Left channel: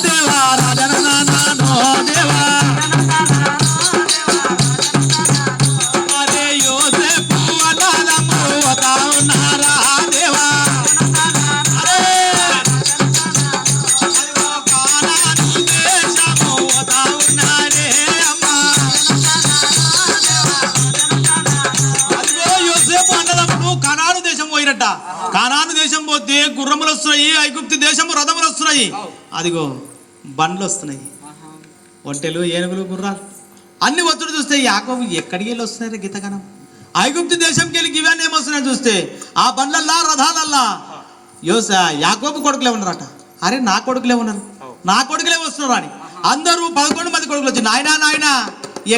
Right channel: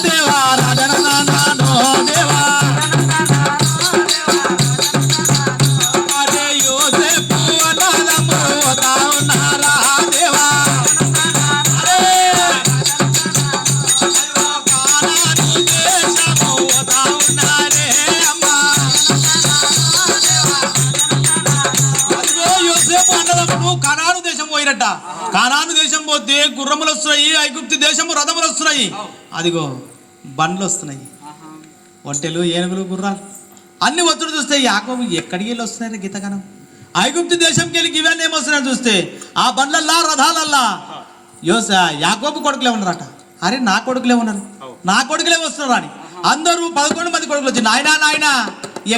దేవారాధన దేశము రథములు వస్తున్నాయి. అదిగో బండ్లు వస్తున్నాయి. ఒంటెలు ఏనుగులు గుర్రాలు అన్ని ఒత్తిడి చూస్తే యాకోబు ఎక్కడికి వెళ్ళి వస్తున్నాయి గీతగనం? ఐగుప్తి దేశంకి వెళ్ళి ఇవన్నీ ఏమొస్తున్నాయి చూస్తే ఆ బండ్లల్లా రథాలల్లా? యోస యాకోబు కొడుకులే ఉన్నారట. అరే నా కొడుకులే ఉన్నారు. నా కొడుకులే వస్తున్నారు అని. అందరూ పదకొండు మంది కొడుకులు వచ్చి నాయనా నాయనా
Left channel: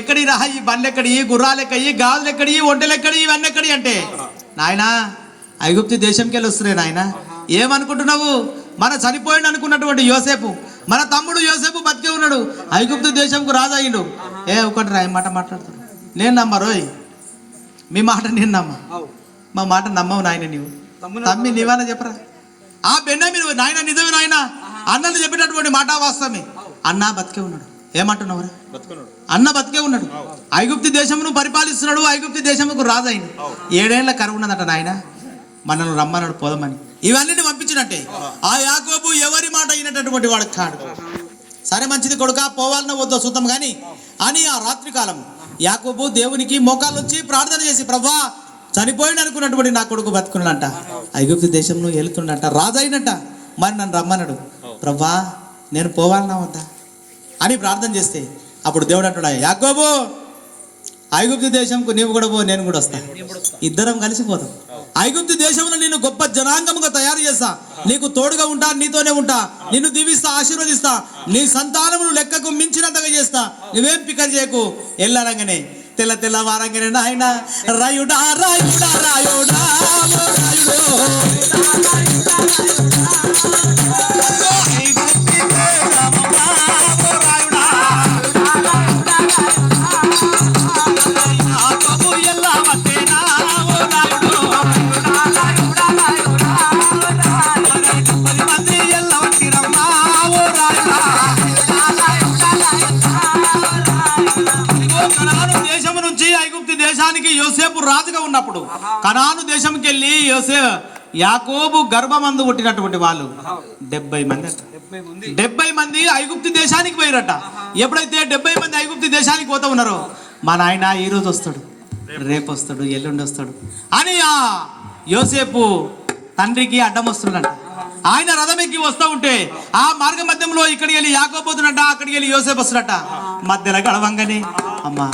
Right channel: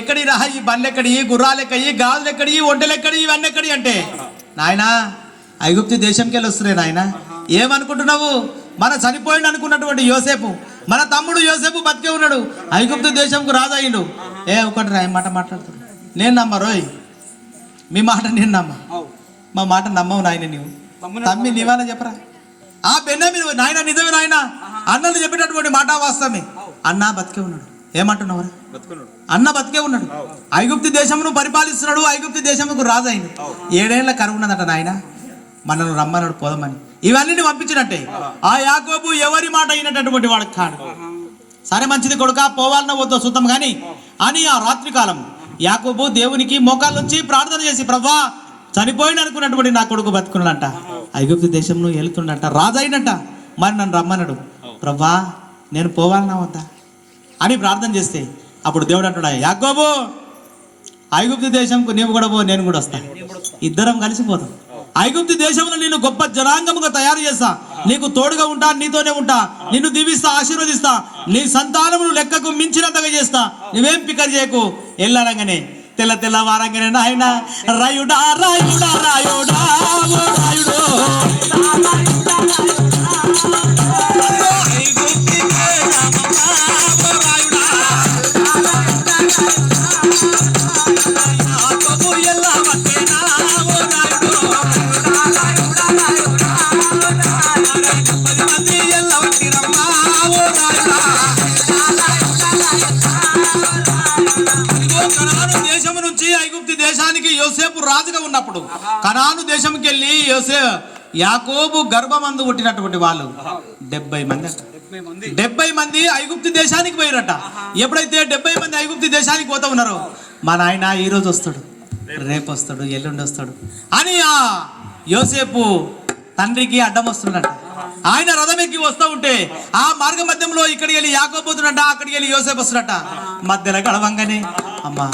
ఎక్కడి రా? ఈ బండ్లు ఎక్కడి గుర్రాలు ఎక్కడి? గాజులు ఎక్కడి ఒంటెలు ఎక్కడి? ఇవన్నీ ఎక్కడి? అంటే నాయనా ఐగుప్తి దేశంకి వెళ్ళి వస్తున్నాయి నాయన. ఏమనుకుంటున్నావు? మన చనిపోయిండు అనుకున్నటువంటి యోసేపు మన తమ్ముడు యోసేపు బతికే ఉన్నాడు. ఐగుప్తు దేశంకు రాజయ్యిండు. ఏ ఒకటి రా మాట మాట్లాడుతాడు నేను నమ్మరోయ్ మీ మాట నేను నమ్మ. మా మాట నమ్మవు నాయన నీవు. తమ్మి నీవైనా చెప్పరా? ఆ బెన్న మీరు నాయన నిజమే నాయన? అన్నలు చెప్పేటటువంటి మాట వాస్తవమే. అన్న బతికే ఉన్నాడు. ఏమంటున్నావురా అన్న బతికే ఉన్నాడు. ఐగుప్తి దేశమును పరిపాలిస్తున్నాడు ఐగుప్తి దేశముకు రాజు అయింది ఏడేళ్ళ కరువు ఉన్నదట నాయన. మనను రమ్మన్నాడు పోదమని. ఇవన్నీ పంపించినట్టే. ఆ యాకోబు ఎవరి మాట అయినటువంటి వాడు కాడు. సరే మంచిది కొడుక పోవాలన్న వద్దో చూద్దాం కానీ అని ఆ రాత్రి కాలం యాకోబు దేవునికి మోకాలు వచ్చి ప్రార్థన చేసి ప్రభా చనిపోయిన అనుకున్నటువంటి నా కొడుకు బతుకున్నాడంట. ఐగుప్తి దేశంలో వెళ్తుండట రాజైనట. మరి నన్ను రమ్మన్నాడు ప్రభా నేను పోవాలన్నా వద్దా అని ప్రార్థన చేస్తే అప్పుడు దేవుడు అంటున్నా యాకోబు ఐగుప్తు దేశంకు నీవు కూడా పో నేను కూడా వస్తాను ఇద్దరం కలిసిపోతాం ఐగుప్తి దేశంలో నేను గొప్ప జనాంగముగా తయారు చేస్తా. నీకు తోడుగా ఉంటా నీతోనే ఉంటా. నిన్ను దీవిస్తా ఆశీర్వదిస్తా. నీ సంతానమును లెక్కకు మించినంతగా చేస్తా. నువ్వేం పికర్ చేయకు? ఎల్లరంగానే తెల్ల తెల్ల వారంగానే నాయన రాయుడా రాయుడా రాయుడా. కనాను దేశము నుంచి ఐగుప్తు దేశానికి యోసేపు రాజుగా ఉన్నప్పుడు కనాను దేశంకి వెళ్ళి యోసే యాకోబు గర్భమందు పుట్టినటువంటి వాళ్ళు. డెబ్బై మంది. డెబ్బై మంది. ఐగుప్తు దేశానికి పోయిరట. ఎప్పుడైతే డెబ్బై మంది ఐగుప్తు దేశానికి పోతా ఉన్నారో మా నాయన ఈ రోజు వస్తాడు. రేపు. వస్తాడు ఎల్లుండి వస్తాడు. అని ఆ యోసేపు తండ్రికి అడ్డం వస్తుండట ఆయన రథం ఎక్కి వస్తూ ఉంటే ఆ మార్గ మధ్యంలో ఇక్కడికి వెళ్ళి యాకోపోతున్నట అక్కడికి వెళ్ళి యోసేపు వస్తున్నట మధ్యలో గడవంగానే అమ్మా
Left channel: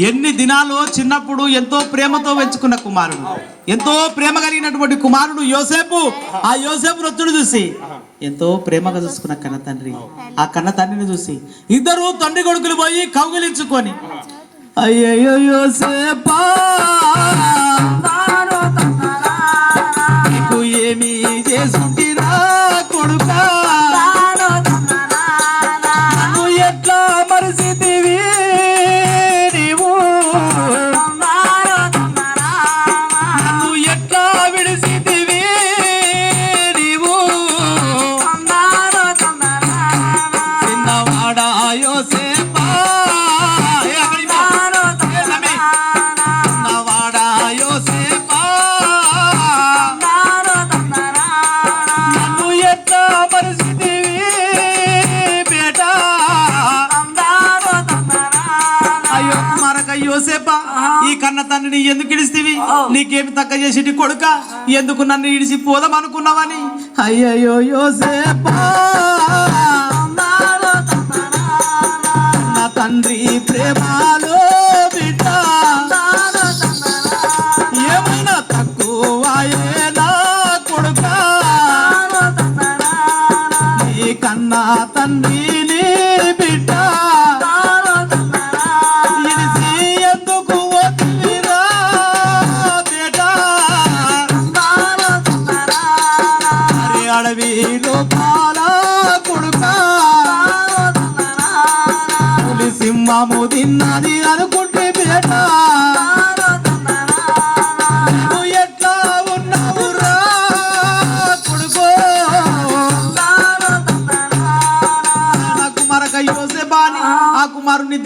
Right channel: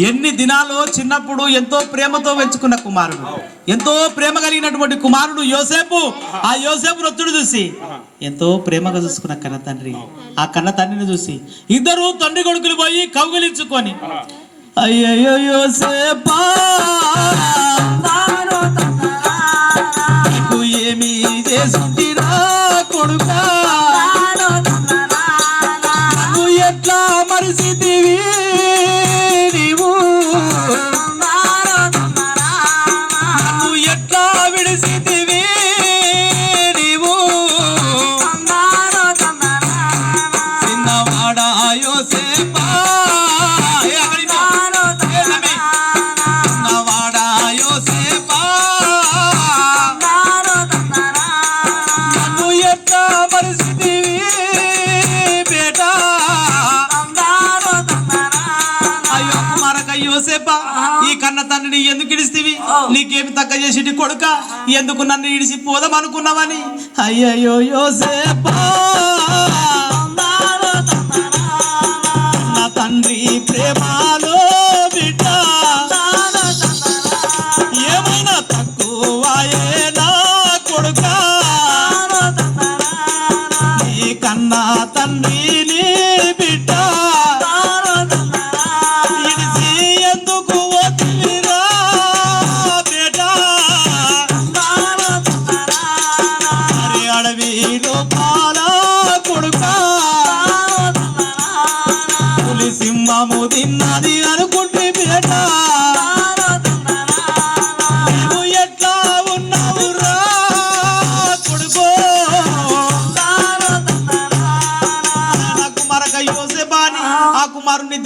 ఎన్ని దినాలు చిన్నప్పుడు ఎంతో ప్రేమతో పెంచుకున్న కుమారుడు ఎంతో ప్రేమ కలిగినటువంటి కుమారుడు యోసేపు. ఆ యోసేపు నొత్తుడు చూసి ఎంతో ప్రేమగా చూసుకున్న కన్న తండ్రి. ఆ కన్న తండ్రిని చూసి ఇద్దరు తండ్రి కొడుకులు పోయి కౌగిలించుకొని అయ్యో యోసేపా యోసేపా ఈ కన్న తండ్రిని ఎందుకు ఇడిస్తేవి? నీకేమి తక్క చేసి కొడుక? ఎందుకు నన్ను ఇడిసి పోదాం అనుకున్నావని అయ్యయ్యో యోసేపా. నా తండ్రి ప్రేమలో బిడ్డ. ఏమైనా తక్కువాయే నా కొడుక? నీ కన్నా తండ్రి తాము తిన్నది అనుకుంటే బిడ్డ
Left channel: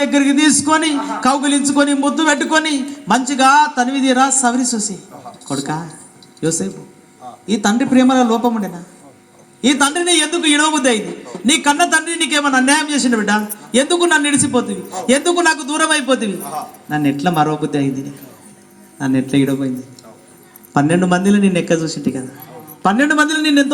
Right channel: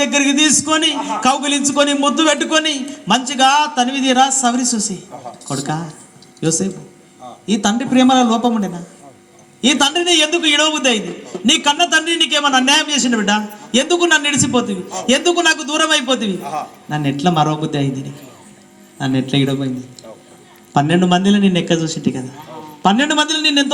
దగ్గరికి తీసుకొని కౌగులించుకొని ముద్దు పెట్టుకొని మంచిగా తనివి తీరా సవరి చూసి. కొడుక యోసేపు ఈ తండ్రి ప్రేమల లోపం ఉండేనా? ఈ తండ్రిని ఎందుకు ఇడవబుద్ధి అయింది నీ కన్న తండ్రి నీకేమన్నా అన్యాయం చేసిన బిడ్డ? ఎందుకు నన్ను ఇడిసిపోతుంది ఎందుకు నాకు దూరం అయిపోతుంది నన్ను ఎట్లా మరో బుద్ధి అయింది? నన్ను ఎట్లా ఇడవబోయింది? పన్నెండు మందిలో నిన్ను ఎక్క చూసింటి కదా. పన్నెండు మందిలో నిన్ను ఎంతో